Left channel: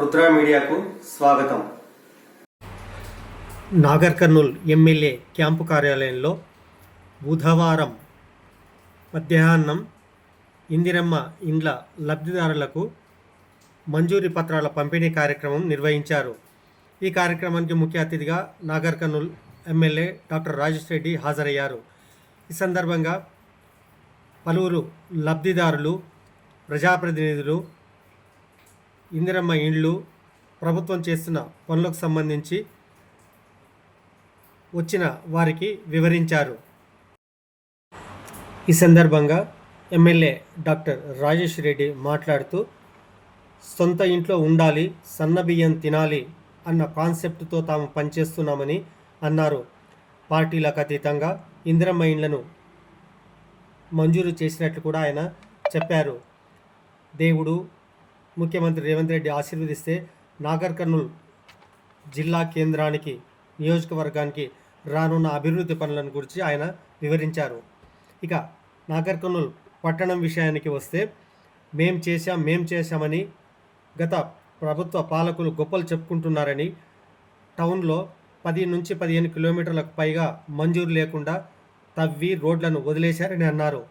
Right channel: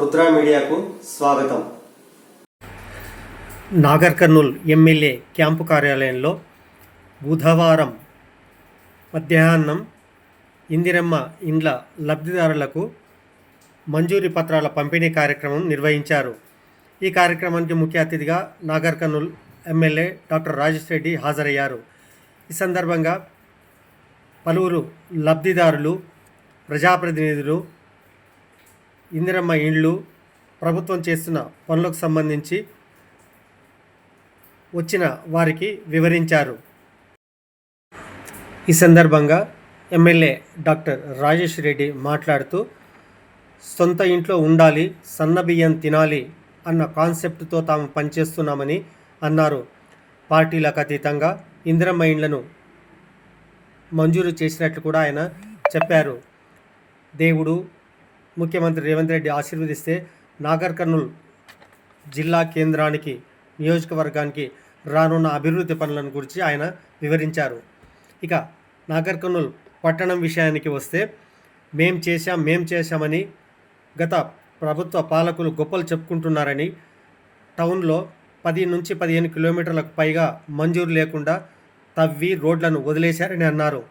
రుద్ర మీడియాకు స్వాగతం. Nagar Kurnool MLA camp కార్యాలయంలో బుధవారం మధ్యాహ్నం ఇందిరమ్మ ఇండ్ల లబ్ధిదారులకు మంజూరీ పత్రాల పంపిణీ కార్యక్రమం నిర్వహించారు. ఈ కార్యక్రమానికి ముఖ్య అతిథిగా నాగర్ కర్నూల్ ఎమ్మెల్యే డాక్టర్ రాజేష్ రెడ్డి హాజరయ్యారు. ఈ సందర్భంగా పలువురు లబ్ధిదారులు, ప్రజాప్రతినిధులు ఇందిరమ్మ ఇండ్లు, ప్రభుత్వం చేస్తున్న పనులకు సంబంధించి వచ్చిన వారికి వివరించారు. ఈ సందర్భంగా ఎమ్మెల్యే డాక్టర్ రాజేష్ రెడ్డి మాట్లాడుతూ, సొంత ఇంట్లో ఉండాలి, సన్నబియ్యం తినాలి అన్న కాన్సెప్ట్తో తాము పనిచేస్తున్నామని అన్నారు. పార్టీలకు అతీతంగా ఇందిరమ్మ ఇండ్లను మంజూరు చేసినట్లు కూడా ఆయన చెప్పారు. దేవుడు ముఖ్యమంత్రి రేవంత్ రెడ్డి ఆశీర్వదిస్తే నాగర్ కర్నూల్ జిల్లా కేంద్రానికి, నియోజకవర్గానికి రానున్న అభివృద్ధి పనులను గురించి ఆయన వివరించారు. ఇక నాగర్ కర్నూల్ పట్టణం విషయానికి వస్తే, మేం చేశామని గత ప్రభుత్వ పాలకులు గొప్పలు చెప్పుకుంటున్నారని, టౌన్లో 10 నుంచి 15 కిలోమీటర్లకు పైగా మంజూరు లేకుండా తవ్వి రోడ్లను వదిలేశారని అన్నారు.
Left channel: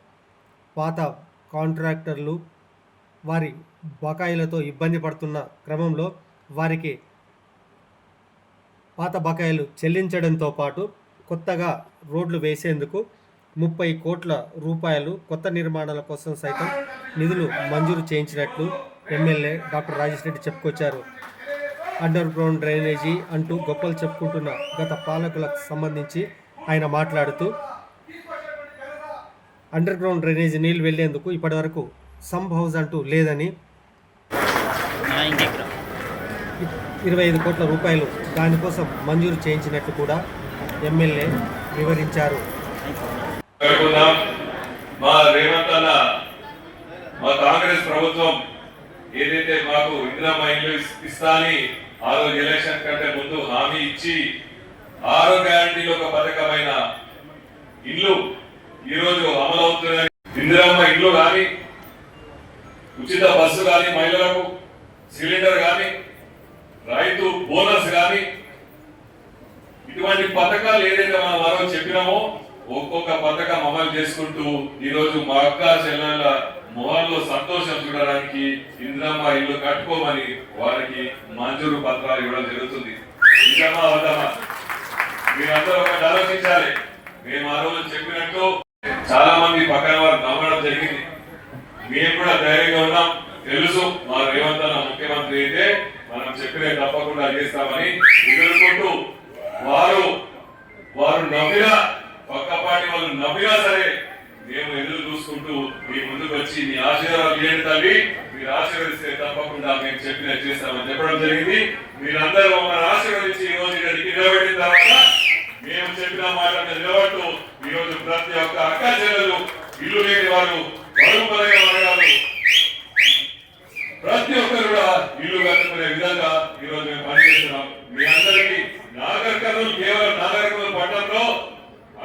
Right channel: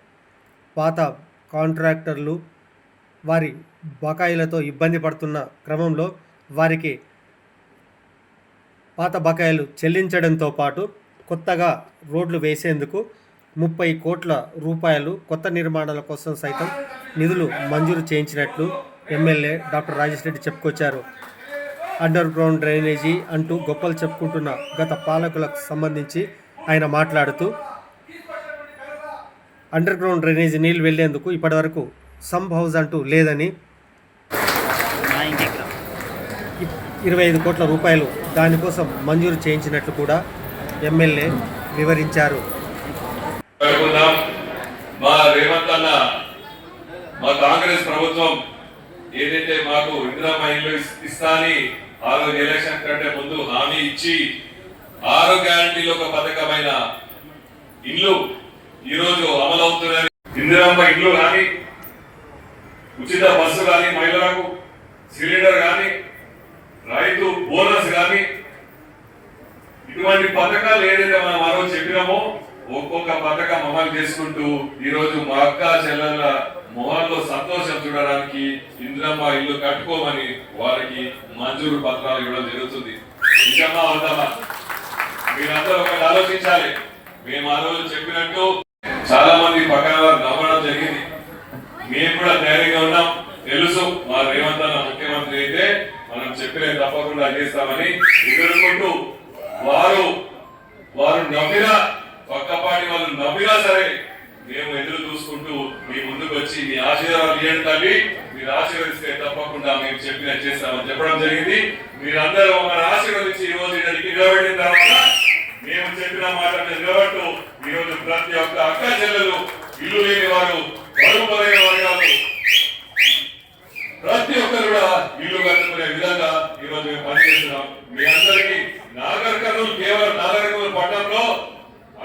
పాత కాంట్రాక్టర్లు వారి బకాయిలతో ఇబ్బంది పడుతున్న క్రమంలో వారికి పాత బకాయిలు చెల్లించడంతో పాటు కొత్తగా రోడ్లు వేసేందుకు 30 కోట్ల రూపాయలు కొత్త నిర్మాణాల కోసం సైతం నిధులు మంజూరు చేయించినట్లు ఎమ్మెల్యే డాక్టర్ రాజేష్ రెడ్డి చెప్పుకొచ్చారు. అండర్ గ్రౌండ్ డ్రైనేజీ అంటూ గొప్పలు చెప్పుకుంటున్న గత పాలకులకు సంబంధించి ఆయన మాట్లాడుతూ, అండర్ గ్రౌండ్ డ్రైనేజీ నీళ్లు వెళ్లేందుకు ఇప్పటివరకు సంప్ హౌస్ అంటూ లేదని, 25 కోట్ల రూపాయలు దానికోసం మంజూరు చేయించినట్లు కూడా ఎమ్మెల్యే వివరించారు. మా రేవంత్ అన్న, మా కాంగ్రెస్ ప్రభుత్వం ఏదైతే మాకు ఇందిరమ్మ ఇల్లు ఇస్తా అని ఆ రోజు ఎలక్షన్ కంటే ముందు హామీ ఇచ్చి 6 గ్యారంటీలో ఒక పథకమైన ఇల్లు ఈరోజు అమలవుతున్నది. ఇందిరమ్మ ఇల్లు కానీ, ఉచిత బస్సు కానీ, మహిళలకు సిలిండర్ కానీ, రైతు బోనస్ కానీ, ఇటువంటి పథకాలు ఏదైతే మనం ఆ రోజు చెప్పినామో ఒక్కొక్క పథకం అమలు చేసుకుంటూ ఈరోజు మా అక్క చెల్లెళ్ళ మొహంలో సంతోషం చూడడానికి ఇందిరమ్మ ఇల్లు కట్టుకోమని వారికి మంజూరు పత్రాలు ఇవ్వడం జరుగుతుంది. నిజమా అవుతామా? మీరందరూ ఒకటి ఆలోచించాలి. మేము ఆ రోజు చెప్పినట్టు చాలా మంది పక్కన వారు నమ్మడం జరిగింది. మేము కూడా ధైర్యంగా ఉన్నాం. తెలుసు మా రేవంత్ అన్న ముఖ్యమంత్రి అయితే మనం చెప్పిన తప్పకుండా చేస్తామని ఎదుర్కొంటూ వారు నవ్వినా, పక్కపాటి వాళ్ళు నవ్వినా సరే మేము ఎదురు చూసుకుంటూ మీ ముందుకు వచ్చి మీ ఆశీర్వాదాలు ఇవ్వండి తల్లి, మీరు ఆశీర్వదిస్తే తప్పకుండా మేము చెప్పిన చేస్తామని చెప్పడం జరిగింది. మీరందరూ మమ్మల్ని ఆశీర్వదించి ఈ రోజు ఇక్కడికి నిలబెట్టిన తర్వాత మేము చెప్పిన మాటను నిలబడుతూ ఈరోజు ప్రతి ఒక్క అక్క చెల్లెలు, ఇల్లు లేని వారు, బరువుపరైన వర్గాలు, ప్రతి ఒక్కరు కూడా ఇల్లు కట్టుకునే విధంగా ఈరోజు మేము పనిచేస్తున్నాం. మీ అందరికీ నాగర్ కర్నూల్, కేవలం నాగర్ కర్నూల్ పట్టణంలో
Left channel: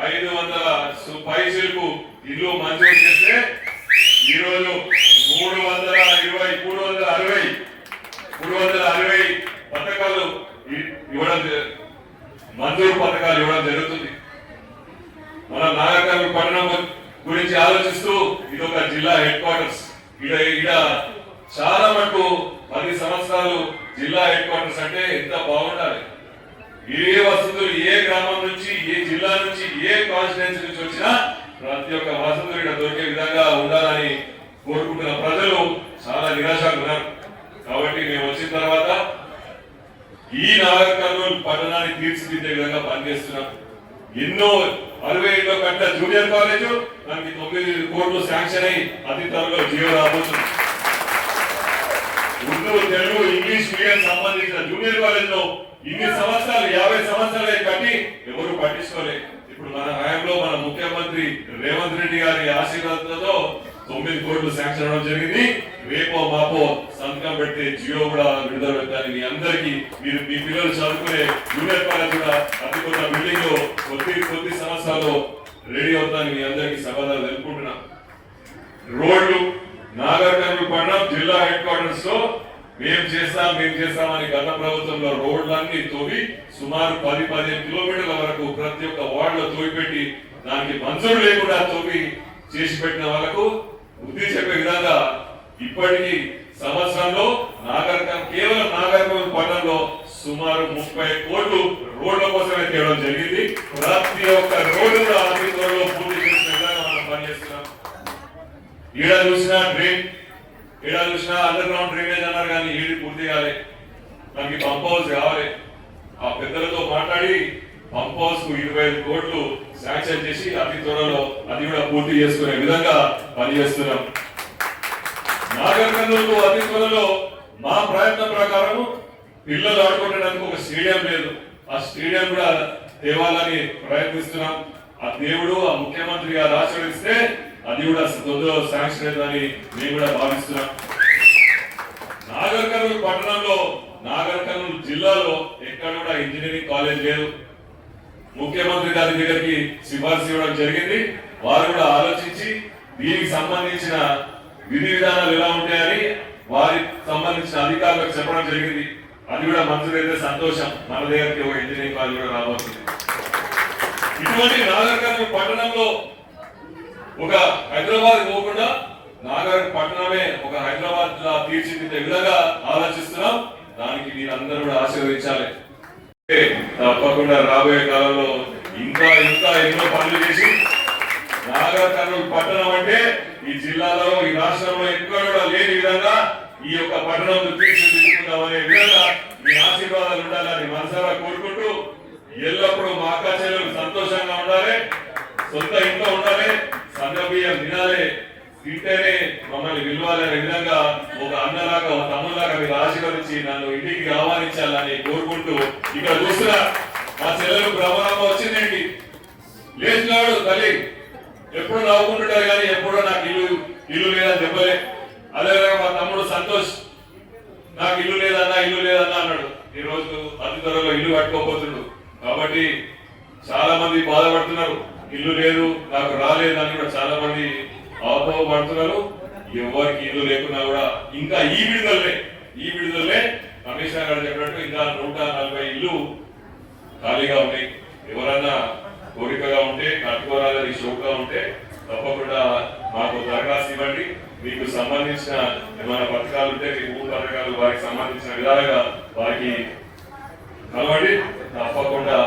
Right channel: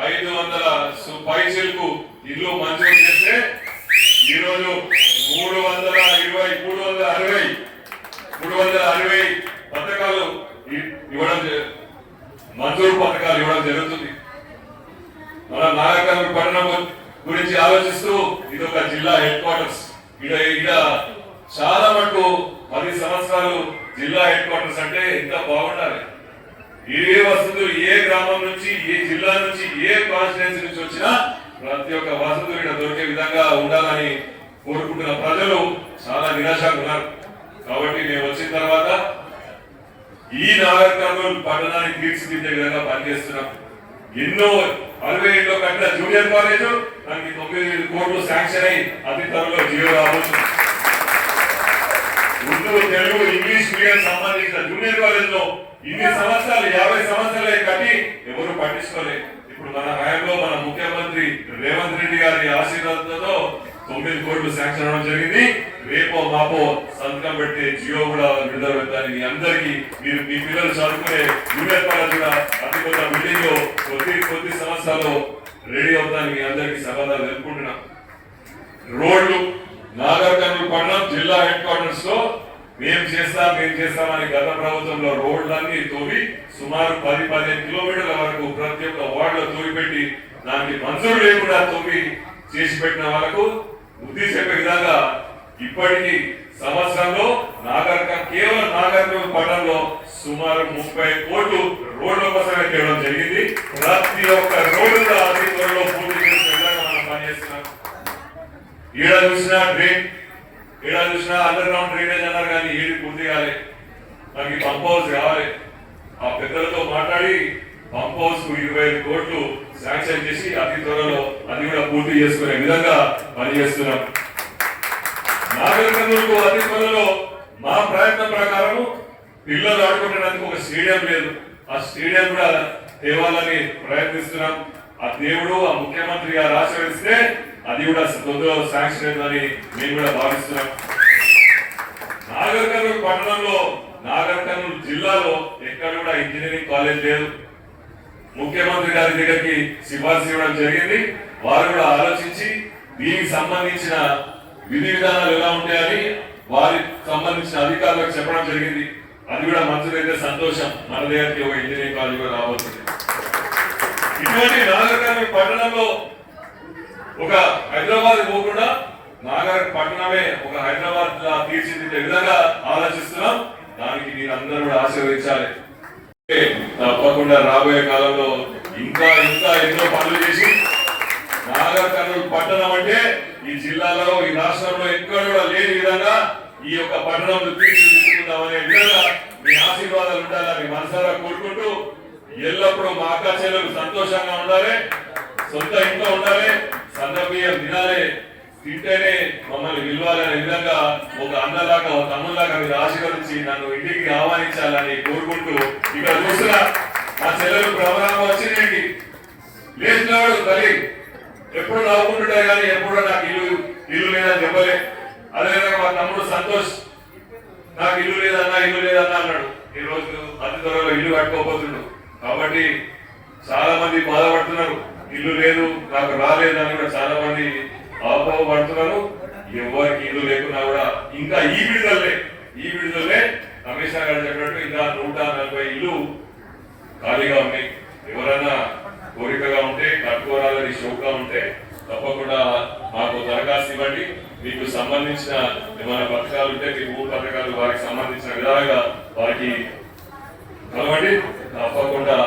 500 పైసలకు ఇల్లు మంజూరు చేస్తే ఈరోజు 360 పథకాలు ఇవ్వడం, మంజూరు పథకాలు ఇవ్వడం జరుగుతుంది. మన నాగర్ కర్నూల్ పట్టణం గురించి ఆలోచిస్తూ ఇదొక జిల్లా హెడ్ క్వార్టర్స్. ఇక్కడ చాలా మటుకు 10 సంవత్సరాలు జిల్లా హెడ్ క్వార్టర్స్ అంటే ఎంత బాగుండాలి. ఏ వసతులు, ఏ గ్రామం నుంచి, ఏ జిల్లా నుంచి, ఏ కాన్స్టిట్యున్సీ నుంచి వచ్చినా ప్రతి ఒక్క వసతులు ఇక్కడ దొరికే విధంగా ఉండాలని కోరుకుంటున్న ప్రజలు చాలా నిరాశగా ఉన్నారు. కాబట్టి మేము వచ్చిన తర్వాత ఈ నాగర్ కర్నూల్ పట్టణాన్ని తీర్చిదిద్దే విధంగా పనిచేస్తున్నాం. ఎన్నో 60 కట్టిన జూనియర్ కాలేజ్ దానికి 9 కోట్లు శాంక్షన్ అయి అతి త్వరలో జియో రాబోతుంది. ఉర్దూ, తెలుగు, ఇంగ్లీష్ మీడియం సంబంధించిన జూనియర్ కాలేజ్ లో ఇన్ని సంవత్సరాలు, 50 సంవత్సరాలే కట్టి ఎవరు పట్టించుకోలేదు. ఇప్పుడు మన హయాంలో మన ముఖ్యమంత్రి రేవంత్ రెడ్డి గారి ఆశీర్వాదంతో 9 కోట్లు శాంక్షన్ అవడం జరిగింది. రేపో మాపో సంతకం పెడితే జియో కూడా విడుదల పెడతాను. మీ అందరికీ మీరు మీ పిల్లలు చదువుకునే జూనియర్ కాలేజ్ కూడా అతి కొత్త బిల్డింగ్ లో కొద్ది సంవత్సరాలు రెడీ అవుతాను. మీ అందరికీ సమాధానం తెలుపుకుంటున్నా. రోడ్లు నాగర్ కర్నూల్ పట్టణం జిల్లా హెడ్ క్వార్టర్స్ లో మేము చేస్తామని గత ప్రభుత్వంలో రోడ్లన్నీ తోవి సుమారు 10-15 కిలోమీటర్ల వరకు ప్రతి ఒక్క వార్డులో తోవిపెట్టి దానికి మంజూరు లేకుండా తోవి చేసి పెట్టిన వాళ్ళకు బుద్ధి చెప్పే విధంగా ఇప్పటికీ సంవత్సరంలో కేవలం నాగర్కర్నూలు పట్టణంలో సుమారు 30 కోట్లు రోడ్ల కోసమే తేవడం జరిగింది. ప్రతి ఒక్క రోడ్డు కూడా అతి త్వరలో పూర్తి చేసిన విధంగా మనం పనిచేస్తున్నాం. ఈడ చూసినా డ్రైన్, ఈడ చూసినా అండర్ గ్రౌండ్ డ్రైనేజ్ అన్నారు కానీ ఏది పూర్తి కాలే. మనకి పంప్ హౌస్ కావాలి. ఆ పెద్దలతో మాట్లాడి పంప్ హౌస్ కు 25 కోట్లు శాంక్షన్ చేసి అతి త్వరలో అది కూడా పూర్తి చేసుకునే విధంగా పనిచేస్తున్నాం. నాగర్కర్నూలుకు అతి త్వరలో మా ప్రయత్నం ప్రకారం పిల్లలు ఆడుకోవడానికి ఒక స్టేడియం లేదు. ఆ స్టేడియం కూడా తేవాలని ప్రయత్నిస్తున్నాం. ఆ దేవుడు ఆ ముఖ్యమంత్రి గారు ఆశీర్వదిస్తే అది కూడా తొందరలో శాంక్షన్ అయిందని మేము కూడా భావిస్తున్నాం. నాగర్కర్నూలు పట్టణంలో, నాగర్కర్నూలు జిల్లాలో ఎక్కడ కూడా ఇంజనీరింగ్ కాలేజ్ లేదు. ముఖ్యమంత్రి గారి దగ్గరికి సిఫార్సు ఇవ్వడం జరిగింది. వారు కూడా ఆలోచించి దీనికి సంబంధించిన విధి విధానాలు ఎలా ఉంటాయని వారికి సంబంధించిన అధికారులకు చెప్పడం జరిగింది. అది కూడా మంచిదైతే సంతోషం. మన దగ్గరికి ఒక ఇంజనీరింగ్ కాలేజ్ కూడా రాబోతుంది. ఇటువంటి నాగర్కర్నూలు పట్టణంలో ఒక హైదరాబాద్ పోకుండా నాగర్ పట్టణమే ఒక హైదరాబాద్ లా తీర్చిదిద్దే విధంగా ఆలోచిస్తున్నాం. దానికి మీరందరూ కూడా ఆశీర్వదించాలి. తప్పకుండా రాబోయే కాలంలో ఇంకా ఎన్నో పనులు చేసి నాగర్కర్నూలు పట్టణం అంటే ఈ జిల్లాలో, ఈ రాష్ట్రంలో ఎక్కడ కూడా లేని విధంగా ఈ యొక్క పట్టణం తీర్చిదిద్దుకుందామనే విధంగా మీ ఆశీర్వాదాలు ఉండాలని మనసారా కోరుకుంటూ, ఎల్లప్పుడూ మా అక్క చెల్లెలు సంతోషంగా ఉండాలి, సొంత ఇంట్లో ఉండాలి, సన్నబియ్యం తినాలి, తింటేనే మమ్మల్ని విలువాలనే విధంగా ఒక అన్నలాగా ఒక తమ్ములాగా మీరు ఆశీర్వదించి నన్ను ఇంటికి ఆహ్వానించాలని కోరుకుంటూ, ఇక్కడ చూస్తున్నా మా చెల్లెలు భ్రమరామ వచ్చిందేంటి లేచినాడు తల్లి ఎప్పుడు నవ్వుకుంటుంటే కానీ ఎప్పుడు నాకు ఇల్లు లేదని చెప్పలే. అదేవిధంగా మా తమ్ముడు సంతోష్ నాకు ఇల్లు లేదన్నా అన్నాడు. ఈ రోజు అతి త్వరలో ఇల్లు కట్టుకోబోతుండు. కాబట్టి చాలా మంది బాధపడుతున్నారు, ఇల్లు లేదు నాకు రాలేదని కూడా చాలా మంది అవపడుతున్నారు. ఎవరికి ఇల్లు లేకున్నా కూడా ఇంకా ఈ విడుదలే కమిషనర్ గారు చెప్పినట్టు ఇంకా 140 ఇల్లు ఖాళీగా ఉన్నాయి. ఎవరన్నా కోరికగా ఉంటే, కట్టుకోవాలని షోక్గా ఉంటే తప్పకుండా మాకు దరఖాస్తు ఇవ్వండి. మీకు సంబంధించిన ఏమైనా పథకాలు ఉంటే మీ భూ పథకాలు వారికి సంబంధించిన విధాలుగా వారికి కాబట్టి తప్పకుండా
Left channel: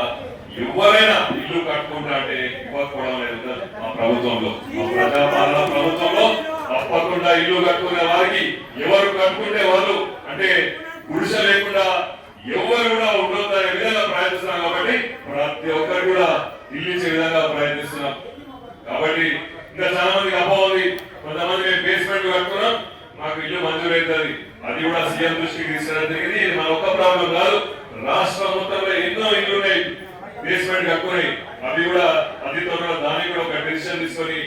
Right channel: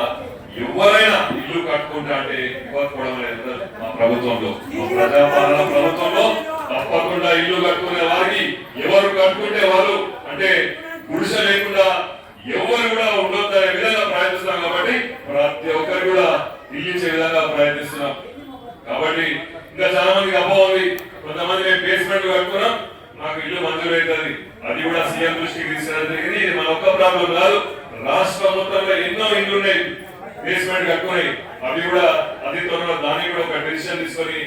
ఎవరైనా ఇల్లు కట్టుకుంటా అంటే ఇవ్వకపోవడం లేదు. మా ప్రభుత్వంలో, మా ప్రజాపాలన ప్రభుత్వంలో తప్పకుండా ఇల్లు కట్టుకునే వారికి ఎవరు కట్టుకుంటే వాళ్ళు అంటే గుడిసె లేకుండా ఎవరు కూడా ఉండొద్దనే విధంగా ప్రయత్నిస్తున్నాం. కాబట్టి ప్రతి ఒక్కరు కూడా ఇల్లు ఇచ్చే విధంగా ప్రయత్నిస్తున్నాం. కాబట్టి ఇంకా చాలా మందికి అపోహ ఉంది. కొంతమంది మేము బేస్మెంట్ కట్టుకున్నాం, మాకు ఇల్లు మంజూరు అవుతుంది. అది కూడా సీఎం దృష్టికి తీసుకురావడం జరిగింది. ఇది మన ఒక్క ప్రాబ్లం కాదు, రాష్ట్ర మొత్తంలో ఎన్నో ఇల్లు ఉన్నాయి బేస్మెంట్ కట్టుకుని. అవి కూడా అతి త్వరలో దాన్ని కూడా ఒక డిసిషన్ తీసుకొని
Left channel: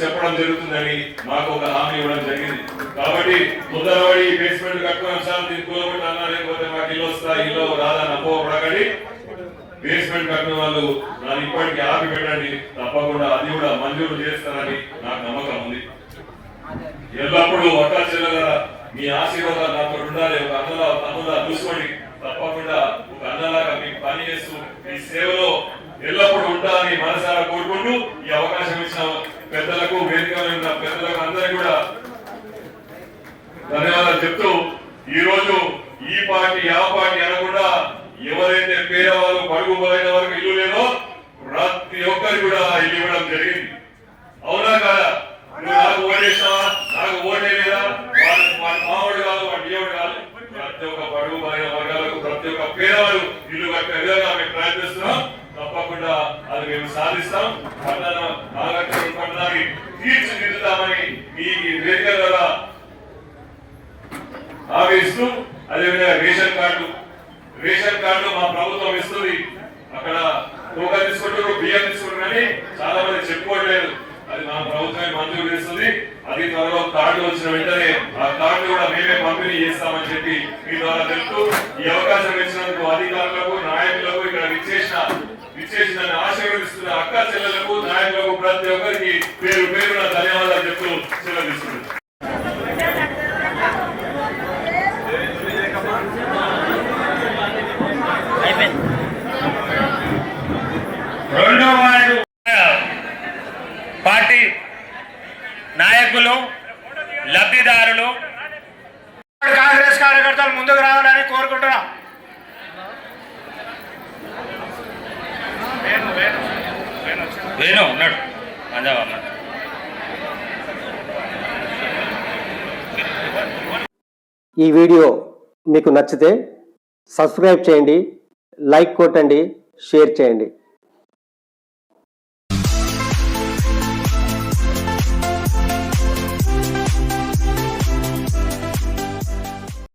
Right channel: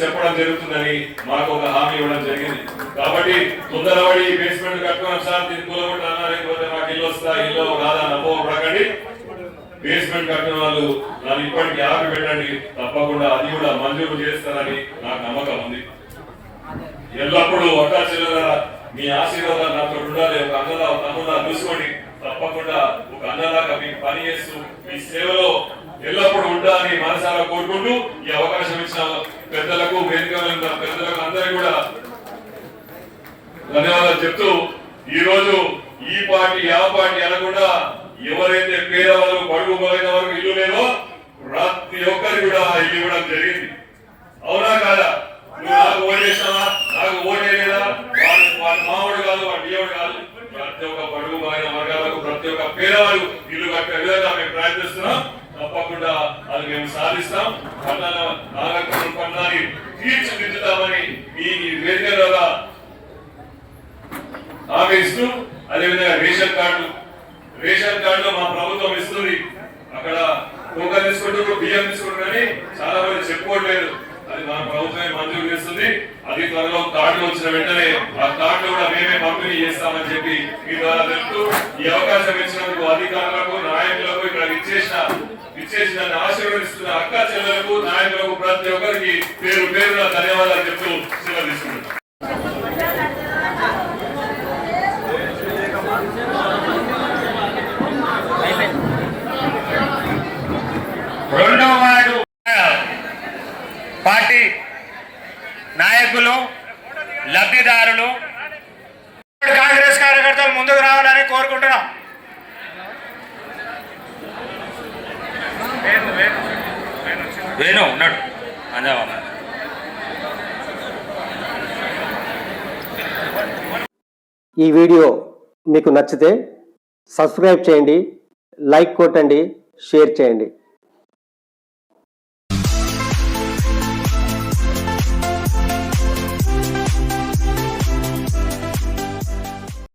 చెప్పడం జరుగుతుందని మాకు ఒక హామీ ఇవ్వడం జరిగింది. కాబట్టి తొందరపడి బేస్మెంట్ కట్టుకున్నాం సార్ దీన్ని కూలగొట్టాలా లేకపోతే మాకు ఇల్లు వస్తా ఇల్లు రాదని అపోహపడకండి. బేస్మెంట్ కట్టిన వాళ్ళు దాన్ని ఇప్పటికీ ఆపి పెట్టండి. తప్పకుండా అది కూడా మంజూరు చేస్తారని నాకు నమ్మకం ఉంది. ఎల్లప్పుడూ అక్కా చెల్లెల మీ ఆశీర్వాదాలు నాతో ఉండాలి. ఒక అన్నలా తమ్ముడా చూసుకోండి. తప్పకుండా ఒక అన్నలాగా మీకు పని చేస్తూ మీ సేవలో ఎల్లప్పుడూ ఉంటారని మనసారా కోరుకుంటూ ఈ అవకాశం ఇచ్చిన పెద్దలకు, వేదిక పెద్దలకు అందరికీ కూడా ధన్యవాదాలు చెప్తూ, ఈ రోజు ఈ పార్టీ ఆ పార్టీ అనకుండా ఎవరైతే పేదవాళ్ళు పడుగు పోయిన వరకు ఇల్లు లేదో ప్రతి ఒక్కరికి కూడా ఇల్లు ఇవ్వడం జరిగింది. అవునా కాదా? నువ్వు నాకు ఓటేసావా, నాకు ఓటేదా, వాడి మామూడు కాదు, వాడి బియ్యముడు కాదు. ప్రతి ఒక్క పడుగు పోయిన వర్గాలకు, ప్రతి ఒక్క పేదవాళ్ళు ఇల్లు కట్టే విధంగా మేము ప్రయత్నిస్తున్నాం. తప్పకుండా అది మేము సాధిస్తాం. నాగర్కర్నూలు పట్టణాన్ని తీర్చిదిద్దుతామని ఈ వేదిక ద్వారా హామీ ఇస్తూ, అదేవిధంగా రేషన్ కార్డు మా ప్రభుత్వం ఇస్తుంది. అక్కడ టోకన్ తీసుకుంటారు, బియ్యం తీసుకుంటారు కానీ చాలా మంది చెప్పుకోవట్లేదు. అది మన ప్రభుత్వమే మంజూరు చేస్తుంది. అది త్వరలో కార్డు వచ్చిన వెంటనే ఆ కార్డు కూడా మేమే పంపిణీ చేస్తామని చెప్పి మీ ద్వారా తెలుపుతూ, ఈ అవకాశం ఇచ్చినందుకు అధికారులకు, నాయకులకు, ఇక్కడ విచ్చేసిన ఆశీర్వదిస్తున్న అక్క చెల్లెలకు, నాయకులకు ప్రతి ఒక్కరికి పేరున ధన్యవాదాలు చెప్తూ సెలవు తీసుకుంటాం. పార్టీ నాయకులు, లబ్ధిదారులు, కాంగ్రెస్ కార్యకర్తలు ముందుకు రావడానికి కోరుకుంటున్నాం. వేణు ఉన్నాడు. ఈ వీడియో మీకు నచ్చితే సబ్స్క్రైబ్ చేయండి, లైక్ కొట్టండి, షేర్ చేయండి.